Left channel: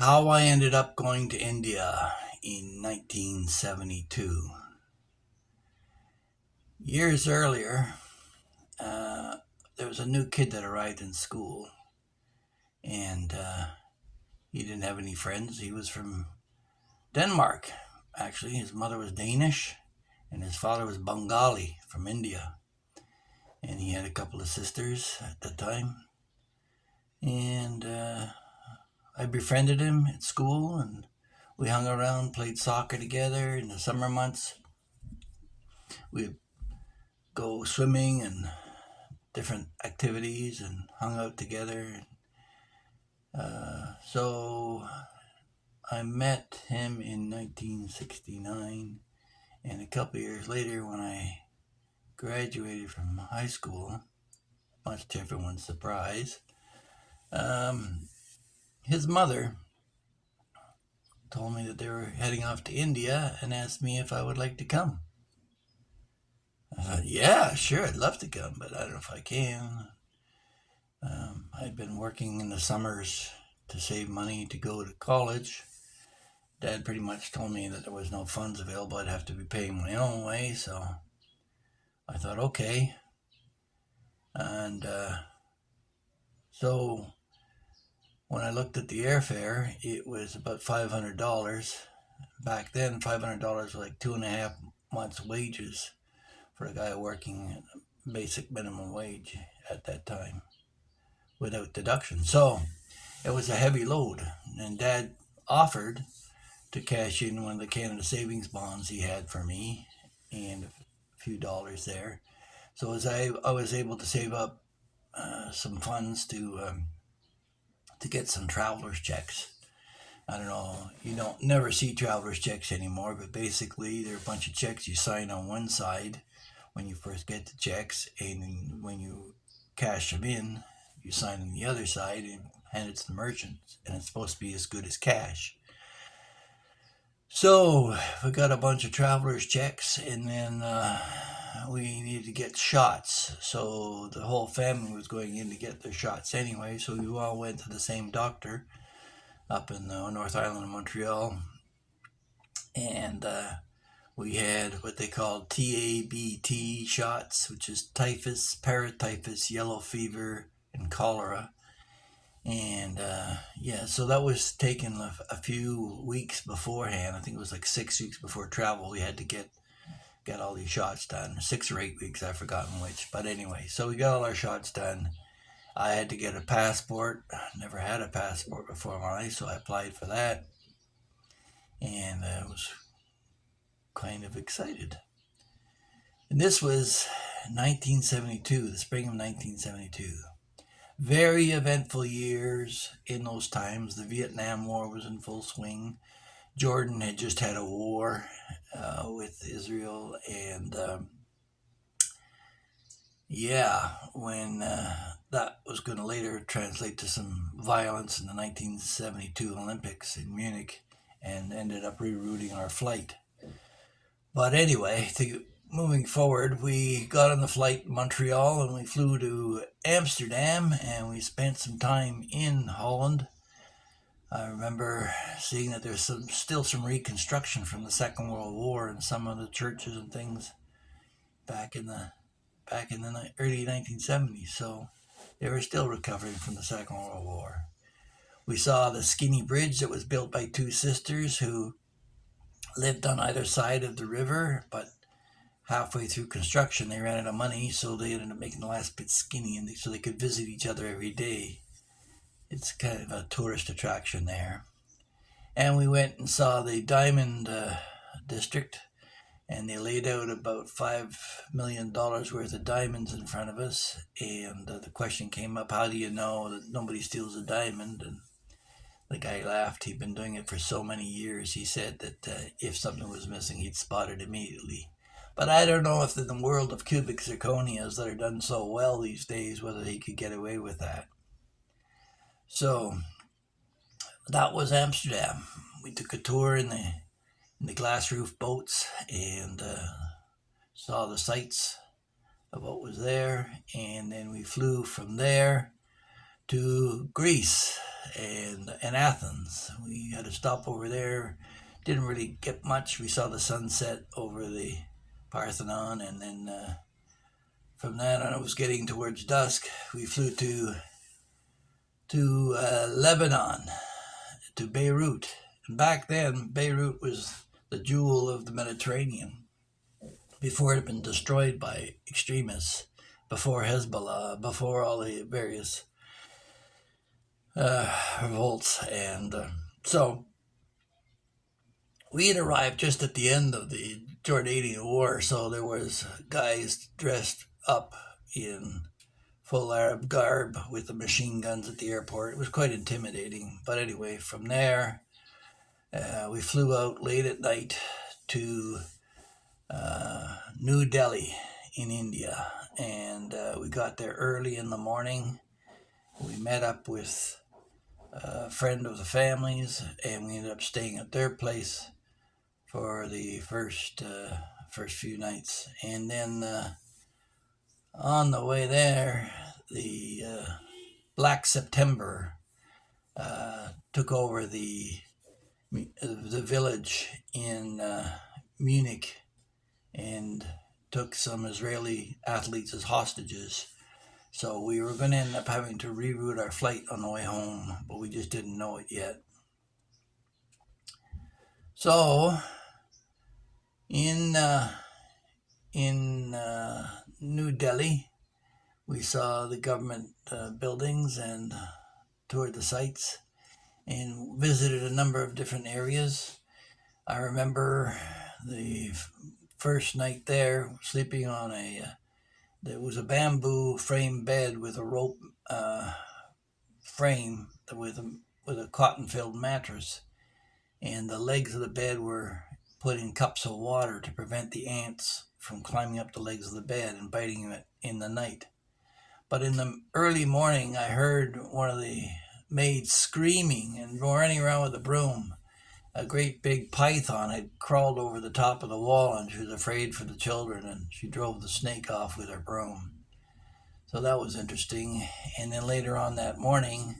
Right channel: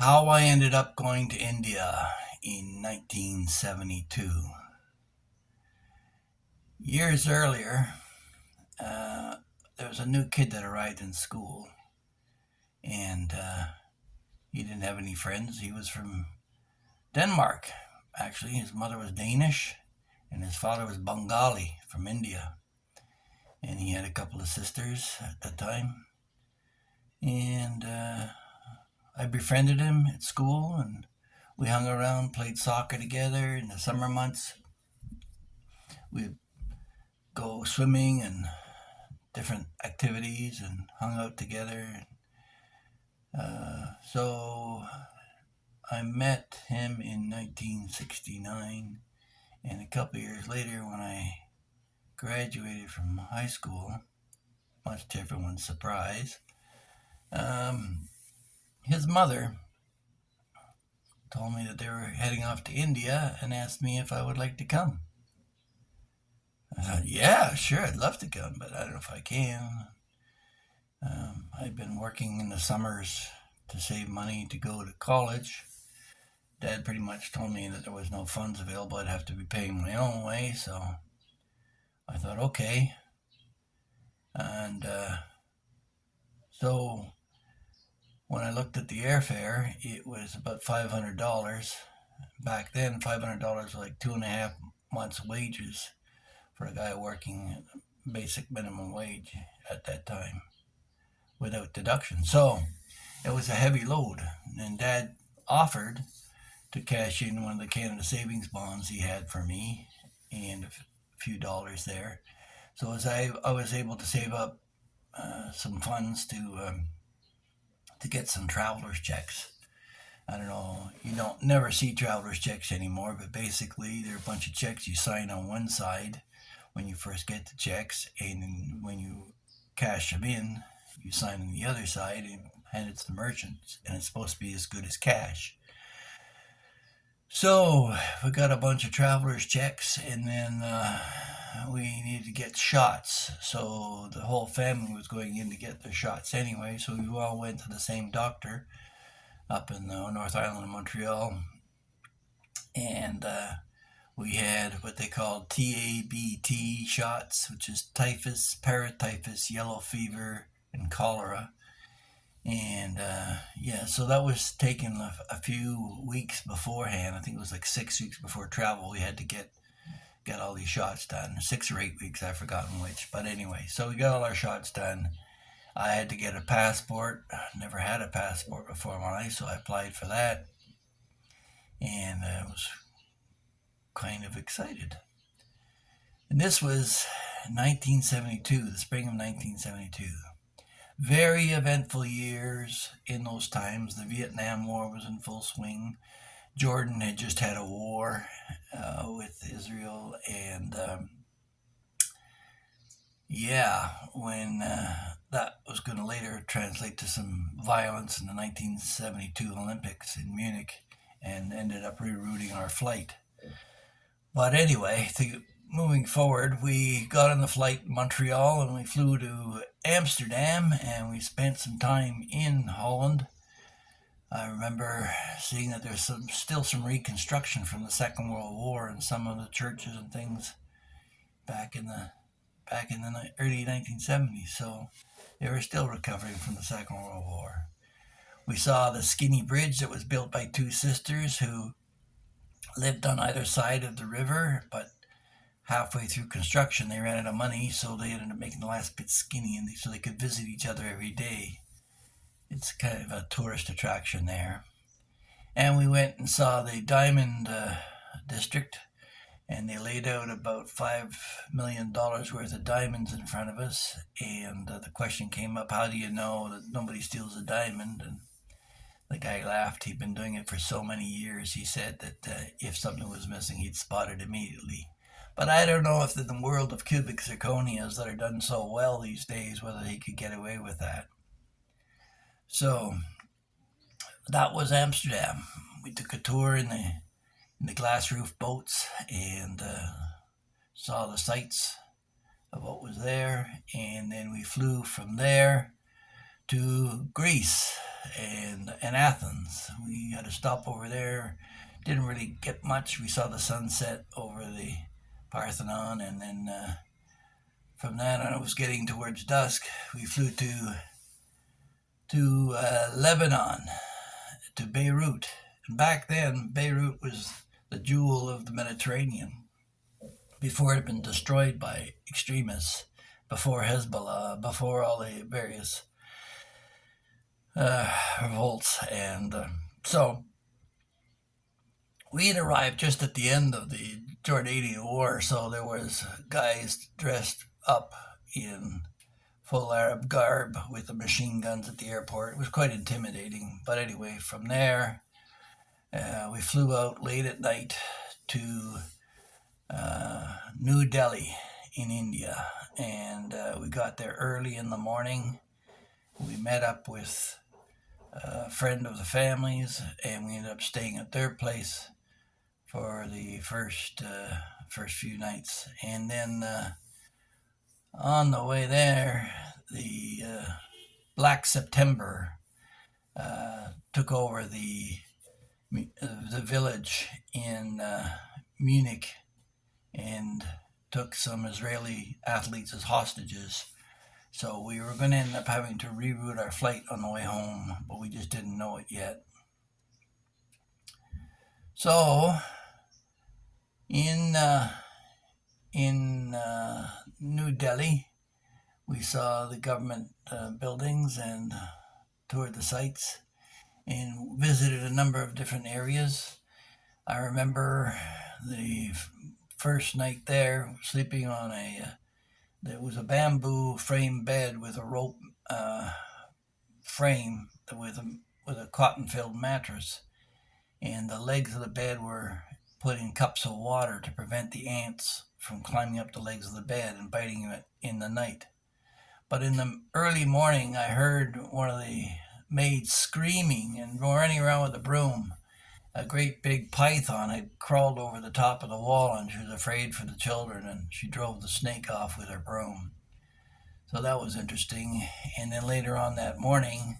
How I ended up going to India in 1972. Years earlier, uh, there was a new kid that arrived in school, and he didn't have any friends. He was from Denmark. Actually, his mother was Danish, and his father was Bengali from India. And he had a couple of sisters at the time. And I befriended him at school, and we hung around, played soccer together in the summer months. We'd go swimming and different activities and hung out together. So I met him in 1969, and a couple of years later, when I graduated from high school, much to everyone's surprise, um, his mother told me that they were heading off to India and asked me if I would like to come. I thought, yeah, sure, I'd love to come, but I don't know if I can. I'd been working in the summers to save money to go to college. Dad pretty much told me that there was no funds available. I'd have to be paying my own way, so I thought, okay. And so when I looked at the airfare, it was about $500. Back then, $500 was like 2.5 months' wages for a guy working basic minimum wage at that time without deduction. So it was a heavy load, and Dad offered to cash in one of the Canada Savings bonds he had for me and a few dollars there. So as I was able to save up some funds to get some traveler's checks. I don't know, you don't never see traveler's checks anymore, but basically they're a bunch of checks you sign on one side when you first get the checks, and when you cash them in, you sign on the other side and hand it to the merchant, and it's supposed to be as good as cash. So we got a bunch of travelers checks, and then we needed to get shots. So the whole family was going in to get their shots anyway. So we all went to the same doctor up in the North Island of Montreal, and we had what they called TABT shots, which is typhus, paratyphus, yellow fever, and cholera. And yeah, so that was taken a few weeks beforehand. I think it was like 6 weeks before travel. We had to get all these shots done. 6 or 8 weeks, I've forgotten which. But anyway, so we got all our shots done. I had to get a passport. Never had a passport before in my life, so I applied for that, and I was kind of excited. And this was 1972, the spring of 1972. Very eventful years in those times. The Vietnam War was in full swing. Jordan had just had a war with Israel, and yeah, when that was going to later translate to some violence in the 1972 Olympics in Munich, and ended up rerouting our flight. But anyway, moving forward, we got on the flight in Montreal and we flew to Amsterdam, and we spent some time in Holland. I remember seeing that there's still some reconstruction from the Second World War in some of the churches and things back in the early 1970s. So they were still recovering from the Second World War. We saw the skinny bridge that was built by two sisters who lived on either side of the river, but halfway through construction they ran out of money, so they ended up making the last bit skinny, and so they could visit each other every day. It's kind of a tourist attraction there. And we went and saw the Diamond District, and they laid out about $5 million worth of diamonds in front of us. And the question came up, how do you know that nobody steals a diamond? And the guy laughed. He'd been doing it for so many years. He said that if something was missing, he'd spot it immediately. But I don't know if in the world of cubic zirconias that are done so well these days, whether he could get away with that. So that was Amsterdam. We took a tour in the glass roof boats, and saw the sights of what was there. And then we flew from there to Greece. and Athens. We had to stop over there. Didn't really get much. We saw the sunset over the Parthenon, and then from that on, it was getting towards dusk. We flew to Lebanon, to Beirut. And back then, Beirut was the jewel of the Mediterranean before it had been destroyed by extremists, before Hezbollah, before all the various revolts. And so we had arrived just at the end of the Jordanian war, so there was guys dressed up in full Arab garb with the machine guns at the airport. It was quite intimidating. But anyway, from there, we flew out late at night to New Delhi in India, and we got there early in the morning. We met up with a friend of the family's, and we ended up staying at their place for the first few nights. And then on the way there, the Black September took over the village in Munich and took some Israeli athletes as hostages. So we were going to end up having to reroute our flight on the way home, but we just didn't know it yet. So in New Delhi, we saw the government buildings and toured the sites and visited a number of different areas. I remember the first night there, sleeping on there was a bamboo frame bed with a rope frame with a cotton-filled mattress, and the legs of the bed were put in cups of water to prevent the ants from climbing up the legs of the bed and biting it in the night. But in the early morning, I heard one of the maids screaming and running around with a broom. A great big python had crawled over the top of the wall, and she was afraid for the children, and she drove the snake off with her broom. So that was interesting. And then later on that morning,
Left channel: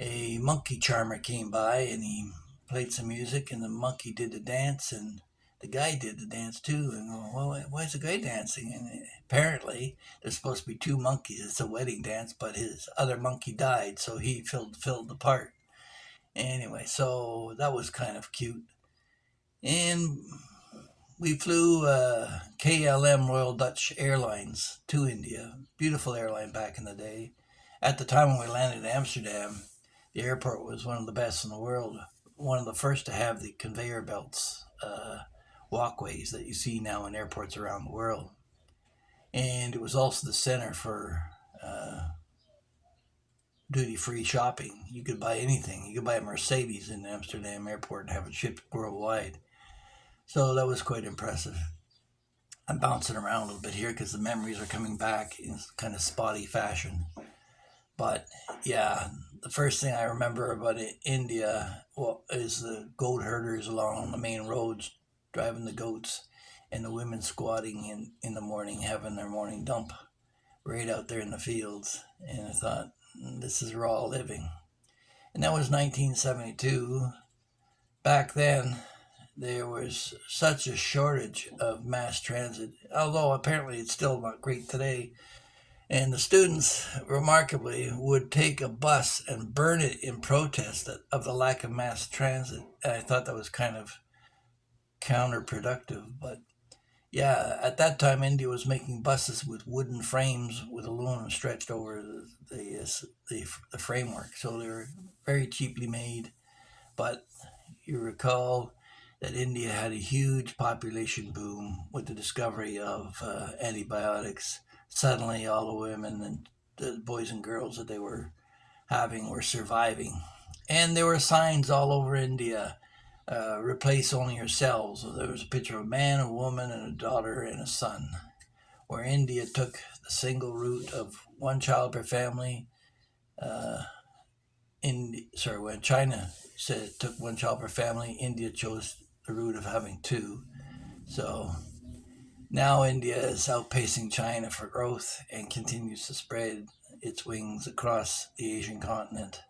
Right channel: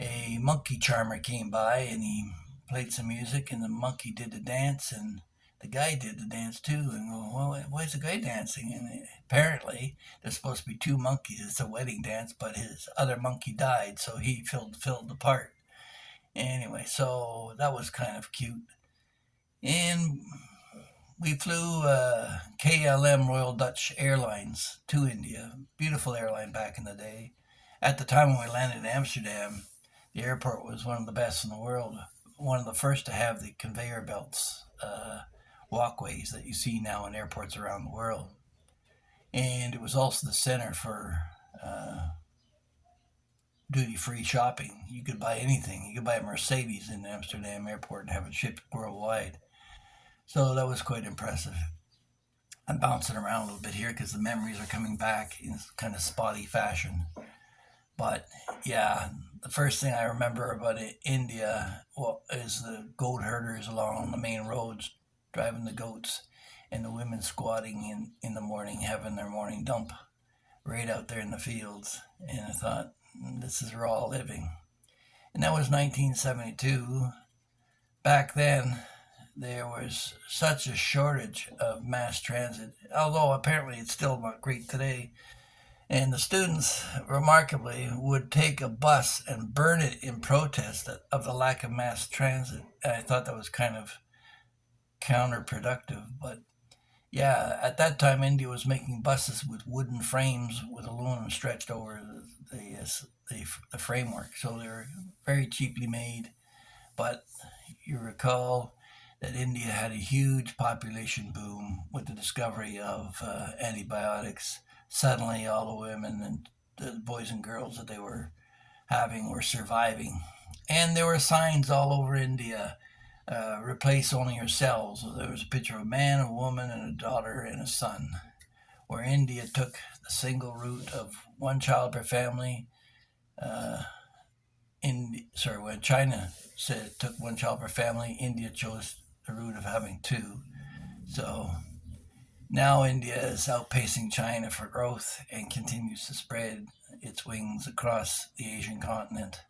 a monkey charmer came by, and he played some music, and the monkey did the dance, and the guy did the dance too. And well, why is the guy dancing? And apparently there's supposed to be two monkeys. It's a wedding dance, but his other monkey died, so he filled the part. Anyway, so that was kind of cute. And we flew KLM Royal Dutch Airlines to India. Beautiful airline back in the day. At the time when we landed in Amsterdam, the airport was one of the best in the world. One of the first to have the conveyor belts, walkways that you see now in airports around the world. And it was also the center for duty-free shopping. You could buy anything. You could buy a Mercedes in Amsterdam airport and have it shipped worldwide. So that was quite impressive. I'm bouncing around a little bit here because the memories are coming back in kind of spotty fashion. But yeah, the first thing I remember about India is the goat herders along the main roads driving the goats, and the women squatting in the morning having their morning dump right out there in the fields. And I thought, this is raw living. And that was 1972. Back then, there was such a shortage of mass transit, although apparently it's still not great today. And the students, remarkably, would take a bus and burn it in protest of the lack of mass transit. And I thought that was kind of counterproductive. But yeah, at that time, India was making buses with wooden frames with aluminum stretched over the framework. So they were very cheaply made. But you recall that India had a huge population boom with the discovery of antibiotics. Suddenly, all the women and the boys and girls that they were having were surviving. And there were signs all over India, replace only yourselves. So there was a picture of a man, a woman, and a daughter and a son, where India took the single route of one child per family. When China said it took one child per family, India chose the route of having two. So now India is outpacing China for growth and continues to spread its wings across the Asian continent.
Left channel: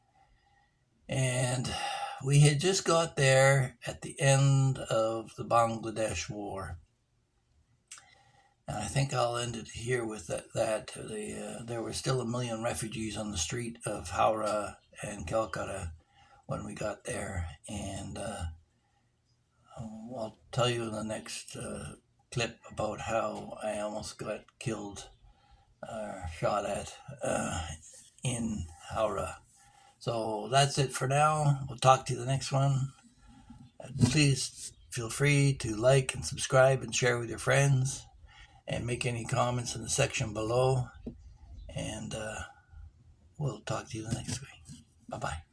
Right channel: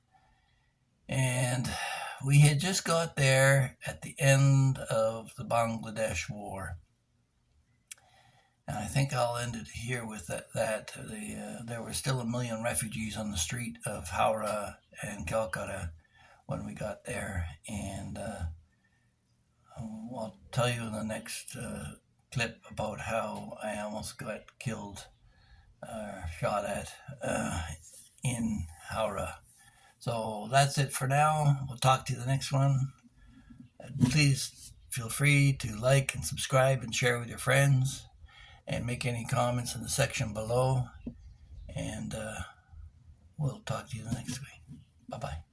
And we had just got there at the end of the Bangladesh War. And I think I'll end it here with that there were still 1 million refugees on the street of Howrah and Calcutta when we got there. And I'll tell you in the next clip about how I almost got killed, shot at in Howrah. So that's it for now. We'll talk to you the next one. Please feel free to like and subscribe and share with your friends, and make any comments in the section below. And we'll talk to you the next week. Bye-bye.